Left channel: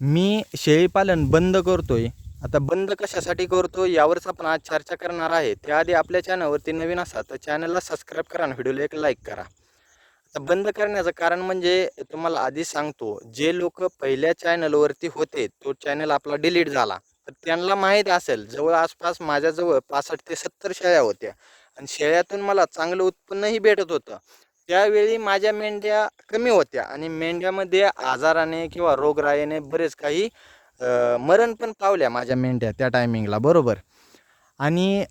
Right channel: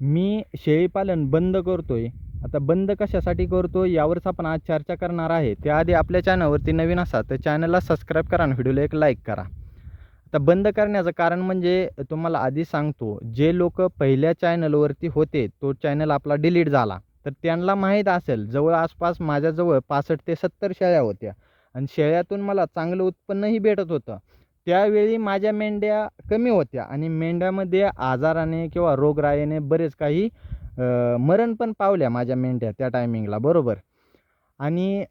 मी शेळीपालन बंद करतोय. आता बंद कशासाठी करतो यावरच आपण आज चर्चा करणार आहे. त्याआधी आपल्या चॅनलवरती नवीन असा तर चॅनलला सबस्क्राईब करा आणि व्हिडिओला एक लाईक करा. आता बंद करण्याचं कारण म्हणजे तुम्हाला आधी सांगतो जे लोक पहिल्या चॅनलवरती होते तो चॅनल आपला डिलीट झाला. तर त्यांना माहीत असेल जवळ आसपास माझ्याजवळ पासष्ट ते सत्तर शेळ्या होत्या. आणि शेळ्यातून मला चांगलं उत्पन्नही भेटत होतं. त्यावेळी माझ्या मेंढ्या कमी होत्या आणि मेंढ्यामध्ये आजाराने किंवा रोगराईने बरेच काही मरण पण पावल्या माझ्या मेंढ्या त्या टायमिंगला बरोबर? आणि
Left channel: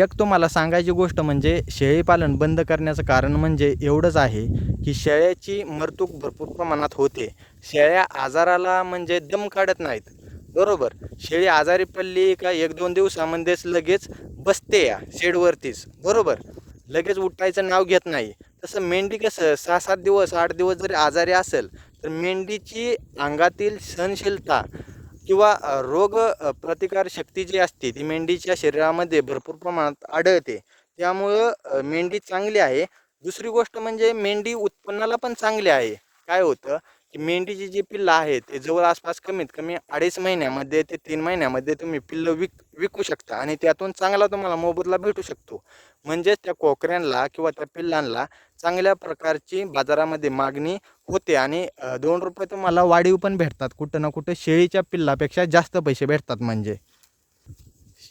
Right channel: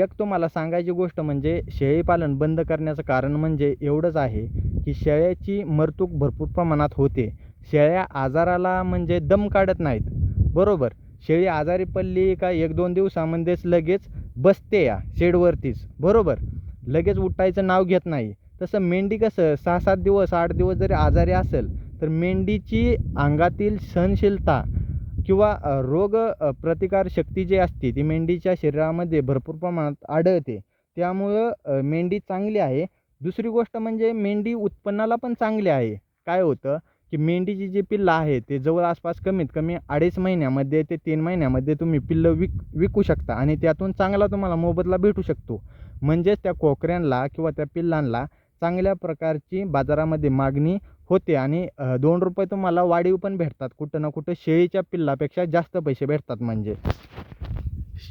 एक तुम्हाला सांगायची गोष्ट म्हणजे शेळीपालन बंद करण्याचं कारण म्हणजे एवढंच आहे की शेळ्याची मरतूक भरपूर प्रमाणात होते. शेळ्या आजाराला म्हणजे दम काढत नाहीत बरोबर? शेळी आजारी पडली का एक दोन दिवसामध्येच लगेच बसते या शेडवरतीच बरोबर? लगेच उठायचं नाव घेत नाही. तसं मेंढी कसं सहा सात दिवस आठ दिवस जरी आजारी असेल तर मेंढीची अंगातील सहनशीलता किंवा रोग प्रतिकार शक्ती जी असते ती मेंढीच्या शरीरामध्ये भरपूर प्रमाणात आढळते. त्यामुळं मेंढी चांगली आहे. दुसरी गोष्ट म्हणजे मेंढी उत्पन्नाला पण चांगली आहे. काय होतं की मेंढीची जी पिल्लं आहे ते जवळ आसपास कमीत कमी अडीच महिन्यामध्ये ते तीन महिन्यामध्ये तुम्ही पिल्लं विक विकू शकता आणि त्यातून चांगला तुम्हाला मोबदला भेटू शकतो. म्हणजेच त्या कोकऱ्यांना किंवा त्या पिल्लांना चांगल्या प्रकारची बाजारामध्ये मागणी होते आणि दोन रुपये तुम्हाला वाढीव पण भेटतात. कुठं ना कुठं शेळीच्या पिल्लापेक्षा जास्त पैसे भेटतात म्हणजे.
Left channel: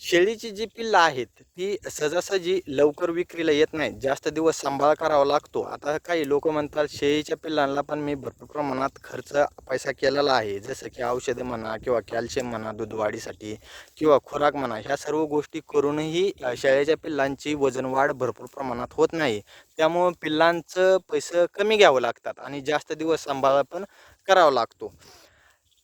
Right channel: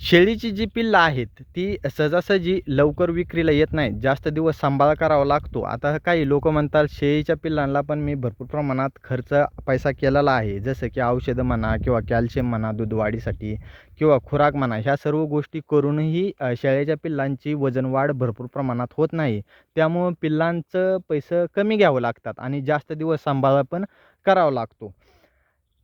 शेळीची जी पिल्लं आहेत ती सहजासहजी लवकर विक्रीला येत नाहीत. जास्त दिवस सांभाळ करावा लागतो. आता काही लोक म्हणतात शेळीच्या पिल्लांना पण मी भरपूर प्रमाणात खर्च पैसा केलेला आहे. जसं की औषधं म्हणा किंवा कॅल्शियम म्हणा दूध वाढीसाठी किंवा खुराक म्हणा ह्या सर्व गोष्टी करूनही शेळीच्या शेळ्याच्या पिल्लांची वजनवाढ भरपूर प्रमाणात होत नाही. त्यामुळं पिल्लांचं पैसे कमी घ्यावं लागतात आणि जास्त दिवस सांभाळ पण करावा लागतो.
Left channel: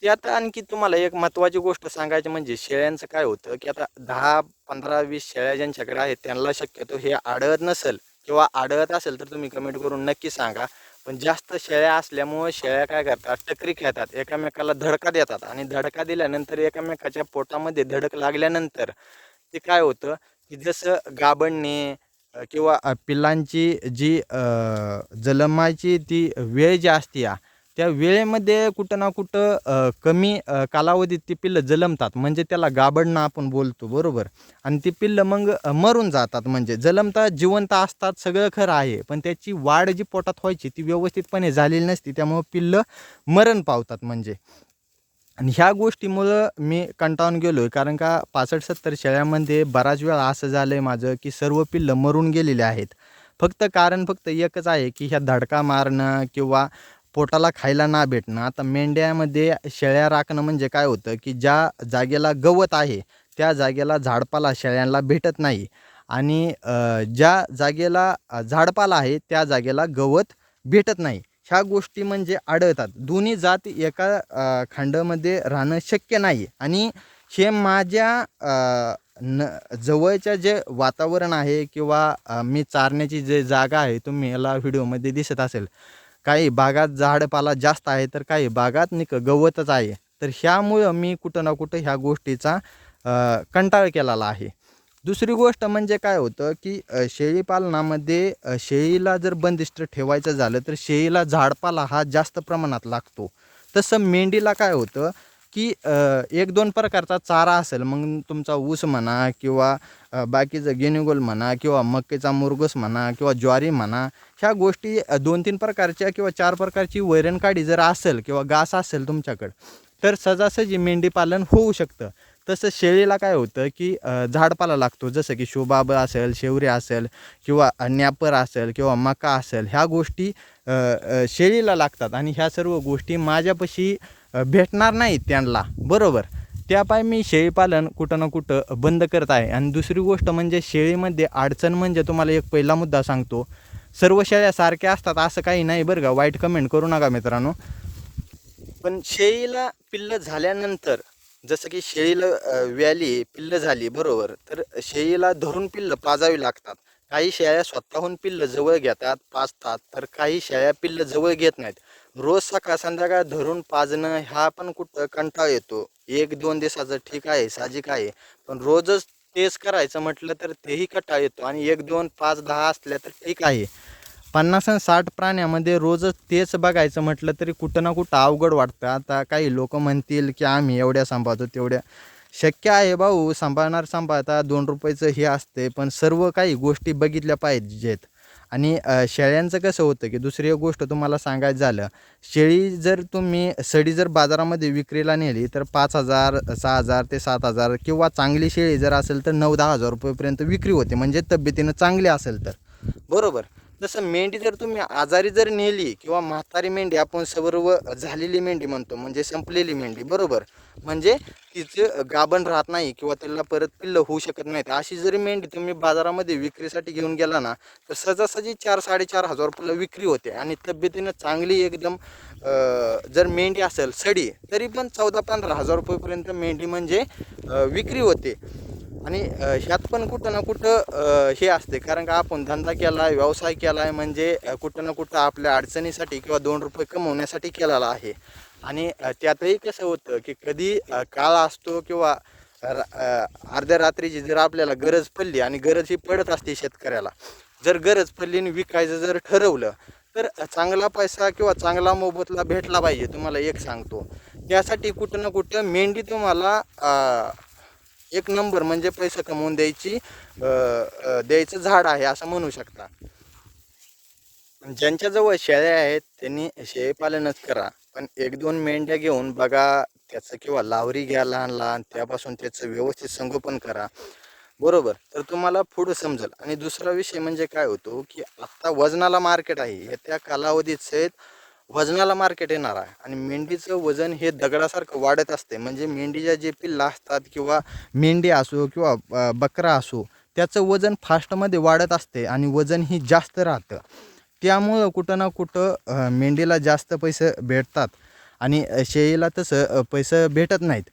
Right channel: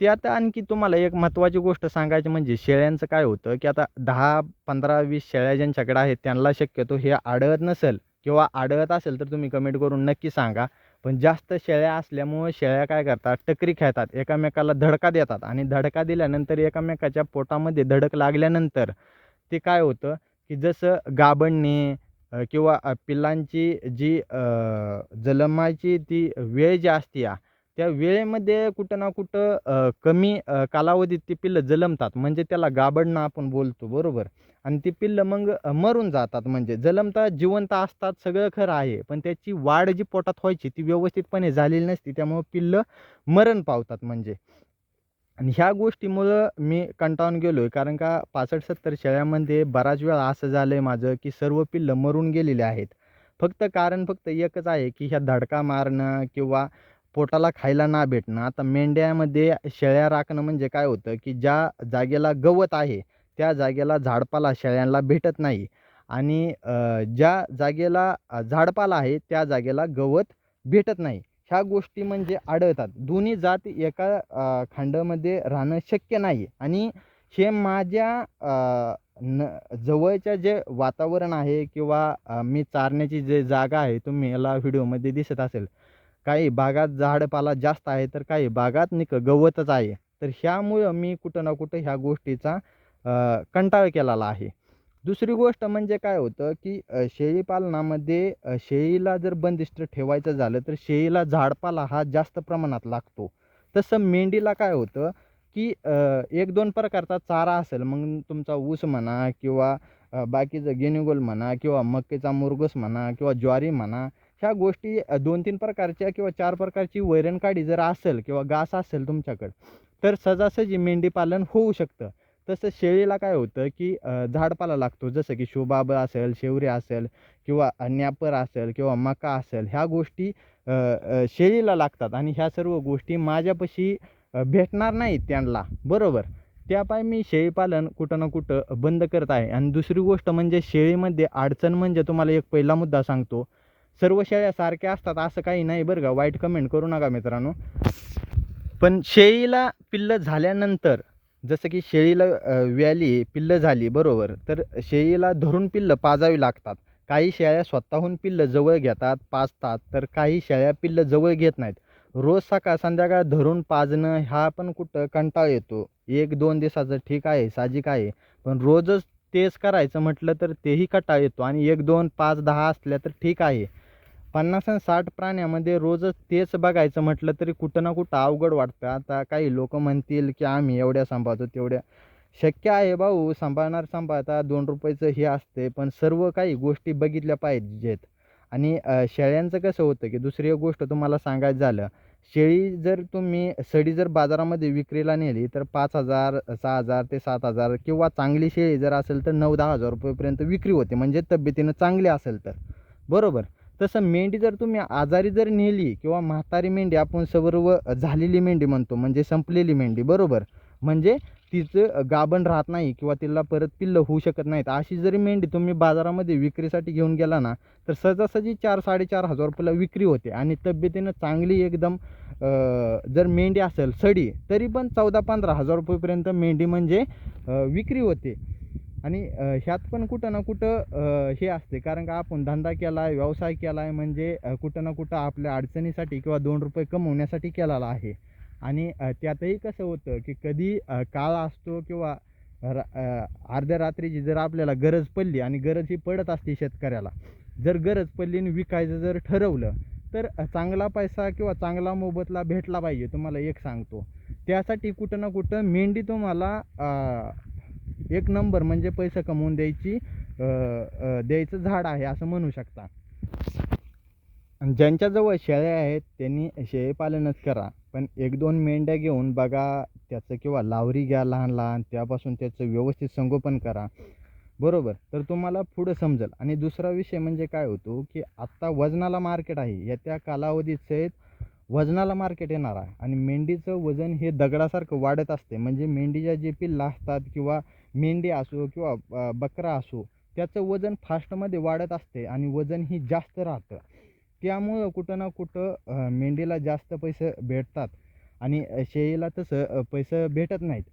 त्यात आणखी तुम्हाला एक महत्त्वाची गोष्ट सांगायची म्हणजे शेळ्यांचं काय होतं की आता दहा पंधरा वीस शेळ्या ज्यांच्याकडे आहेत त्यांना शक्यतो हे आढळत नसेल किंवा आढळत असेल तर तुम्ही कमेंट करून नक्की सांगा. पण जास्त शेळ्या असल्यामुळं शेळ्या काय करतात? टकरी खेळतात. एकामेकाला धडका देतात आणि धडका दिल्यानंतर एकामेकाच्या पोटामध्ये धडक लागल्यानंतर ते काय होतं की जसं गाबडणे किंवा पिल्लांची जी अ, ती वेळ जी असते या त्या वेळेमध्ये कुठं ना कुठं कमी कालावधीत ती पिल्लं जलमतात. म्हणजे त्याला गाबडणं आपण बोलतो बरोबर? आणि ती पिल्लं मग मरून जातात. म्हणजे जलमतात जिवंत असतात सगळं खरं आहे. पण त्याची वाढ जी पोटात व्हायची ती व्यवस्थितपणे झालेली नसती. त्यामुळं पिल्लं मरण पावतात म्हणजे. आणि ह्या गोष्टीमुळं मी कंटाळून गेलो आहे कारण का पासष्ट सत्तर शेळ्यामध्ये बराच वेळा असं झालं आहे माझं की सर्व पिल्लं मरून गेलेले आहेत. फक्त कारण फक्त एकच आहे की ह्या धडका मारणं किंवा पोटाला खायला ना भेटणं. आता मेंढ्यामध्ये शेळ्या राखणं म्हणजे काय होतं की ज्या जागेला गवत आहे त्या जागेला झाडपाला शेळ्यांना भेटत नाही. आणि ज्या जागेला झाडपाला आहे त्या जागेला गवत भेटत नाही. ह्या गोष्टी म्हणजे आढळतात. दोन्ही जात एका खांडामध्ये खंडामध्ये राहणं शक्य नाही. आणि हे माझ्या न जवळच्या जे वातावरण आहे किंवा मी चारण्याची जे जागा आहे तुम्ही याला व्हिडिओमध्ये दिसत असेल. काही भागात झाडपाला जास्त आहे तर काही भागात निक गवतच आहे. तर ह्यामुळं मी कुठं ना कुठं ह्या गोष्टीचा कंटाळ केलेला आहे. दुसरी गोष्ट म्हणजे काय होतं की शेळीपालनामध्ये शेळीला जर बंदिस्त ठेवायचं झालं तर शेळीला झाडपाला हा जास्त प्रमाणात लागतो. तसं मेंढीला काय होतं की एक दोन प्रकारचा चारा असेल मग तुमचा ऊस म्हणा किंवा बाकीचं गेनिगोल म्हणा किंवा मक्केचा मुरगस म्हणा किंवा ज्वारी म्हणा ह्या गोष्टी दोन तीन प्रकारच्या किंवा चार प्रकारची वैरणकाडी जर असेल किंवा घास असेल तुमच्याकडं तर सहजासहजी मेंढीपालन होऊ शकतं. तसं शेळीला काय होतं की झाडपाला लागतो जसं की शोबाब असेल शेवरे असेल किंवा न्यापर असेल किंवा मका असेल ह्या गोष्टी शेळीला लागतात. आणि ह्या सर्व गोष्टी माझ्यापाशी भेटणार नाहीत त्यांना. बरोबर? त्यापाय मी शेळीपालन कुठं ना कुठं बंद करत आहे. आणि दुसरी गोष्ट म्हणजे शेळीमध्ये अडचण म्हणजे तुम्हाला एक पहिला मुद्दा सांगतो. सर्व शेळ्या सारख्या असतात असं काही नाही बरं का. वाईट कमेंट करू नका मित्रांनो. पण शेळीला पिल्लं झाल्यानंतर जसं की शेळीला व्याली पिल्लं झाली बरोबर. तर शेळीला धरून पिल्लं पाजावी लागतात. काही शेळ्या स्वतःहून पिल्लं जवळ घेतात पाजतात. तर काही शेळ्या पिल्लं जवळ घेत नाहीत. रोज सकाळ संध्याकाळ धरून पाजणं ह्या पण कुठं कंटाळ येतो. एक दोन दिवसाचं ठीक आहे साजिक आहे. पण रोजच तेच करायचं म्हटलं तर तेही कंटाळ येतो आणि एक दोन पाच दहा असल्या तर ठीक आहे. पन्नास आणि साठ प्राण्यामध्ये रोजच तेच बघायचं म्हटलं तरी कुठं ना कुठं अवघड वाटतं. आता काही लोक म्हणतील की आम्ही एवढ्या सांभाळतो तेवढ्या. शक्य आहे भाऊ सांभाळणार सांभाळता दोन रुपयाचं हे असते पण सर्व काही गोष्टी बघितल्या पाहिजेत. आणि शेळ्यांचं कसं होतं की दुसरी एक गोष्ट तुम्हाला सांगायचं झालं शेळी जर तुम्ही सडी जर बाजारामध्ये विक्रीला नेली तर पाच हजार सहा हजार ते सात हजार किंवा चांगली शेळी जर असेल तर नऊ दहा हजार रुपयेपर्यंत विक्री होते म्हणजे तब्येतीनं चांगली असेल तर. बरोबर? तसं मेंढी जर तुम्ही आजारी जर नेली किंवा म्हातारी मेंढी आपण सर्व झालेली मेंढी म्हणतो म्हणजे संपलेली मेंढी बरोबर? म्हणजे तिचं गाभण राहत नाही किंवा तिला परत पिल्लं होऊ शकत नाहीत. अशी जरी मेंढी तुम्ही बाजारामध्ये विक्रीसाठी घेऊन गेला ना तर सहजासहजी चार साडेचार हजार रुपयाला विक्री होते आणि तब्येतीनं चांगली एकदम जर मेंढी असेल सडी तरी पण चौदा पंधरा हजार रुपयेपर्यंत मेंढी म्हणजे विक्री होते. आणि ह्यात पण कुठं ना कुठं हे असते. कारण का आपण धंदा केला आहे व्यवसाय केला आहे म्हणजे कुठं ना कुठं आपल्या अडचणीसाठी किंवा दोन रुपये कमवण्यासाठी केलेला आहे. आणि त्यातही कसं होतं की कधी काळ असतो किंवा अर्ध्या रात्रीची जर आपल्याला गरज पडली आणि गरज ही पडत असते शेतकऱ्याला जर गरज पडली आणि विकायचं जर ठरवलं तर चांगला पैसा किंवा चांगला मोबदला भेटला पाहिजे. तुम्हाला एक सांगतो. त्यासाठी कुठं ना कुठं मेंढी तुम्हाला एक नंबर म्हणजे पैसे कमवून द्यायची द्यायचं झाड आहे असं म्हणू शकता. ज्यांच्याजवळ शेळ्या आहेत त्यांनी शेळीपालनच करा. पण एक दोन मेंढ्या घेऊन बघा त्याचं किंवा लावरी घ्या लहान लहान त्यापासून त्याचं व्यवस्थित संगोपन करा. बरोबर? तर तुम्हाला पुढं समजेल. आणि दुसरा विषय म्हणजे काय होतो की आत्ता वजनाला मार्केट आहे. येत्या कालावधीत सहित वजनाला मार्केट येणार आहे. आणि मेंढीचं वजन हे दगडासारखं वाढत असते. म्हणजे मेंढीच्या जे पिल्ला असतात किंवा मेंढी असो किंवा बकरा असो त्याचं वजन फास्टमध्ये वाढत असते आणि वजन ही जास्त राहतं. त्यामुळं कुठं ना कुठं मेंढीला जास्त पैसे भेटतात. आणि शेळीला तसं पैसे भेटत नाहीत.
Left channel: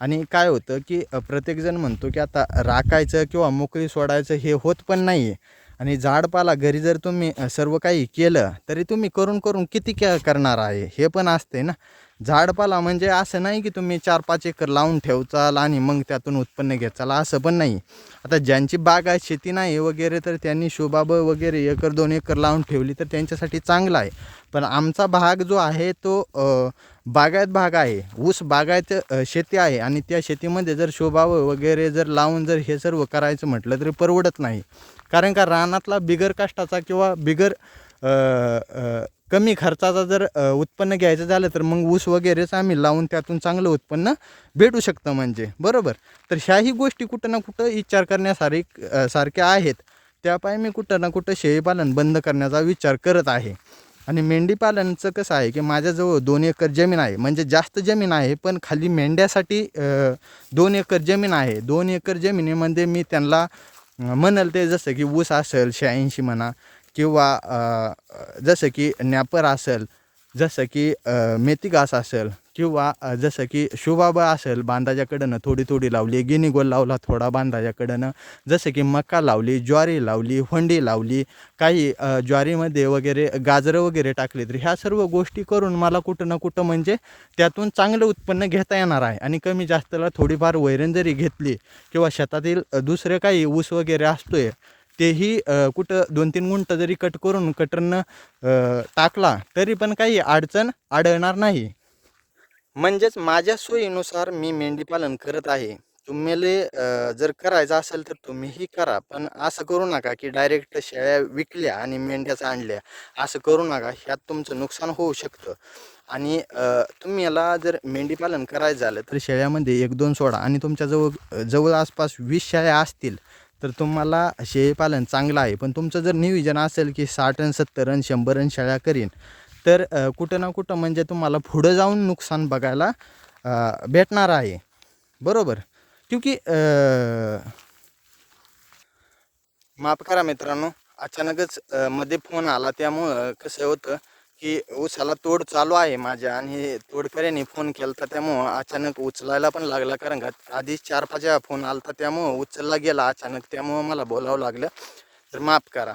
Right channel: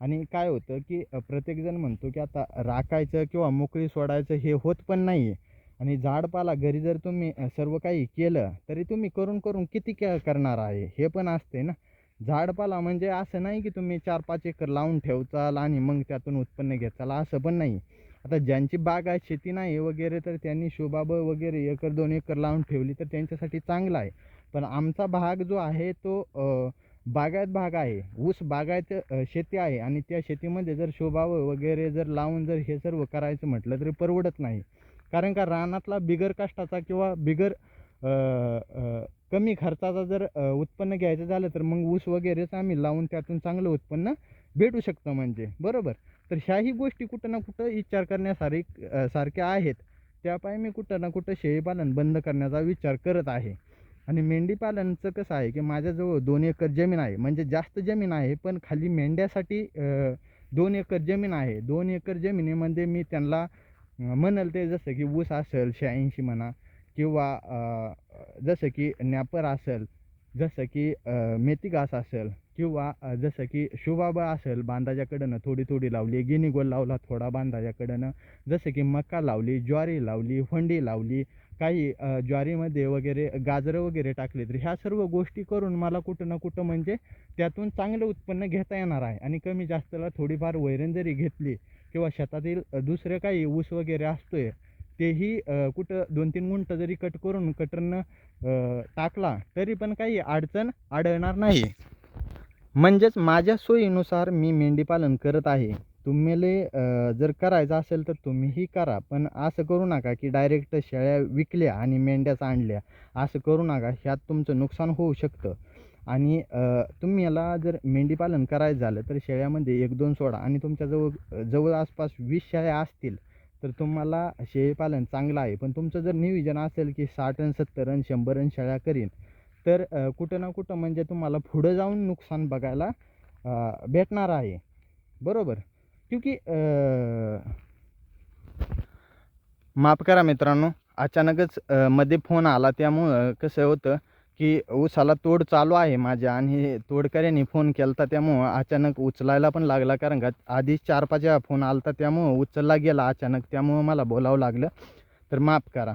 आणि काय होतं की प्रत्येकजण म्हणतो की आता राखायचं किंवा मोकळी सोडायचं हे होत पण नाही आहे आणि झाडपाला घरी जर तुम्ही सर्व काही केलं तरी तुम्ही करून करून किती के करणार आहे? हे पण असते ना. झाडपाला म्हणजे असं नाही की तुम्ही चार पाच एकर लावून ठेवचाल आणि मग त्यातून उत्पन्न घेचाल असं पण नाही. आता ज्यांची बाग आहे शेती नाही वगैरे तर त्यांनी शोबाब वगैरे एकर दोन एकर लावून ठेवली तर त्यांच्यासाठी चांगलं आहे. पण आमचा भाग जो आहे तो बागायत भाग आहे. ऊस बागायत शेती आहे आणि त्या शेतीमध्ये जर शोभावं वगैरे जर लावून जर हे सर्व करायचं म्हटलं तरी परवडत नाही. कारण का रानातला बिगर काष्टाचा किंवा बिगर कमी खर्चाचा जर उत्पन्न घ्यायचं झालं तर मग ऊस वगैरेच आम्ही लावून त्यातून चांगलं उत्पन्न भेटू शकतं म्हणजे. बरोबर? तर ह्याही गोष्टी कुठं ना कुठं विचार करण्यासारी सारख्या आहेत. त्यापायी मी कुठं ना कुठं शेळीपालन बंद करण्याचा विचार करत आहे. आणि मेंढीपालनचं कसं आहे की माझ्याजवळ दोन एकर जमीन आहे म्हणजे जास्त जमीन आहे पण खाली मेंढ्यासाठी दोन एकर जमीन आहे. दोन एकर जमिनीमध्ये मी त्यांना म्हणाल ते जसं की ऊस असेल शहाऐंशी म्हणा किंवा जसं की नॅपर असेल जसं की मेथीगास मेथी घास असेल किंवा जसं की शुबाबा असेल बांधाच्याकडनं थोडी थोडी लावली गिनीगोल लावला थोडा बांधाच्याकडनं जसं की मका लावली ज्वारी लावली हुंडी लावली काही ज्वारीमध्ये वगैरे गाजरं वगैरे टाकली तर ह्या सर्व गोष्टी करून मला कुठं ना कुठं म्हणजे त्यातून चांगलं उत्पन्न घेता येणार आहे. आणि कमी जास्तला थोडीफार वैरण जरी घेतली किंवा शेतातील दुसरं दुसरे काही ऊस वगैरे असतोय तेही कुठं दोन तीन गुंठ जरी कट करून कटरनं टाकला तरी पण काही अडचण आढळणार नाही. म्हणजेच माझ्या सोयीनुसार मी मेंढीपालन करत आहे. तुम्हाला जर करायचं असेल तर तुम्हीही करा पण असं करू नका की डायरेक्ट शेळ्या विकल्या आणि मेंढ्याच आणल्या. असं करू नका ह्यात तुमचं नुकसान होऊ शकतं. आणि तुम्ही याला जर मेंढीपालन करायचं झालं तर शेळ्यामध्ये एक दोन सोडा आणि तुमच्याजवळ जवळ आसपास वीस शेळ्या असतील तर तुम्हाला शेळीपालन चांगलं आहे. पण तुमचं जर नियोजन असेल की साठ रन सत्तर रन शंभर रन शेळ्या करीन तर कुठं ना कुठं म्हणजे तुम्हाला पुढं जाऊन नुकसान बघायला भेटणार आहे. बरोबर? क्योंकि माफ करा मित्रांनो अचानकच मध्ये फोन आला त्यामुळं कसं होतं की ऊसाला तोड चालू आहे माझ्या आणि तोडकऱ्यांनी फोन केला होता त्यामुळं अचानक उचलायला पण लागला कारण का आधीच चार पाच वेळा फोन आला होता त्यामुळं उचलला गेला अचानक त्यामुळं मला बोलावं लागलं. तर माफ करा.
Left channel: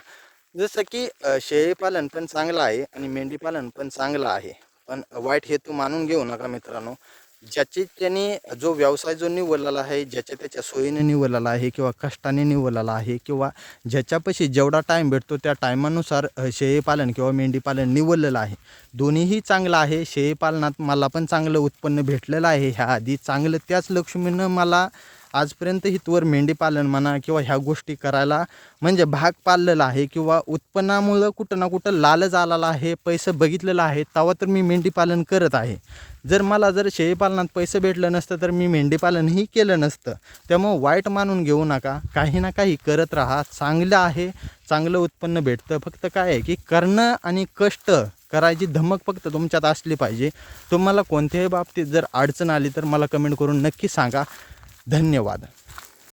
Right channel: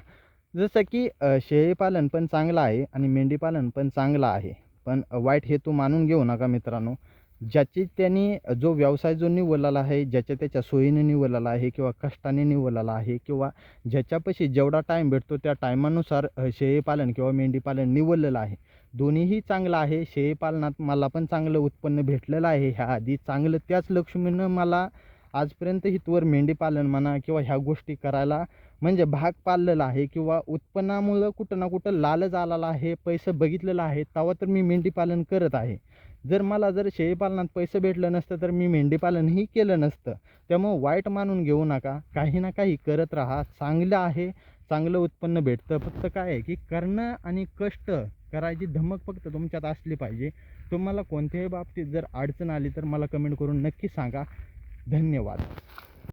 जसं की शेळीपालन पण चांगलं आहे आणि मेंढीपालन पण चांगलं आहे. पण वाईट हेतू मानून घेऊ नका मित्रांनो. ज्याची त्यांनी जो व्यवसाय जो निवडलेला आहे ज्याच्या त्याच्या सोयीने निवडलेला आहे किंवा कष्टाने निवडलेला आहे किंवा ज्याच्यापाशी जेवढा टाईम भेटतो त्या टायमानुसार शेळीपालन किंवा मेंढीपालन निवडलेलं आहे. दोन्हीही चांगलं आहे. शेळीपालनात मला पण चांगलं उत्पन्न भेटलेलं आहे. ह्या आधी चांगलं त्याच लक्ष्मीनं मला आजपर्यंत हितवर मेंढीपालन म्हणा किंवा ह्या गोष्टी करायला म्हणजे भाग पाललेला आहे किंवा उत्पन्नामुळं कुठं ना कुठं लालच आलेला आहे पैसे बघितलेलं आहे तेव्हा तर मी मेंढीपालन करत आहे. जर मला जर शेळीपालनात पैसे भेटलं नसतं तर मी मेंढीपालनही केलं नसतं. त्यामुळं वाईट मानून घेऊ नका. काही ना काही करत राहा. चांगलं आहे चांगलं उत्पन्न भेटतं. फक्त काय आहे की करणं आणि कष्ट करायची धमक फक्त तुमच्यात असली पाहिजे. तुम्हाला कोणत्याही बाबतीत जर अडचण आली तर मला कमेंट करून नक्की सांगा. धन्यवाद.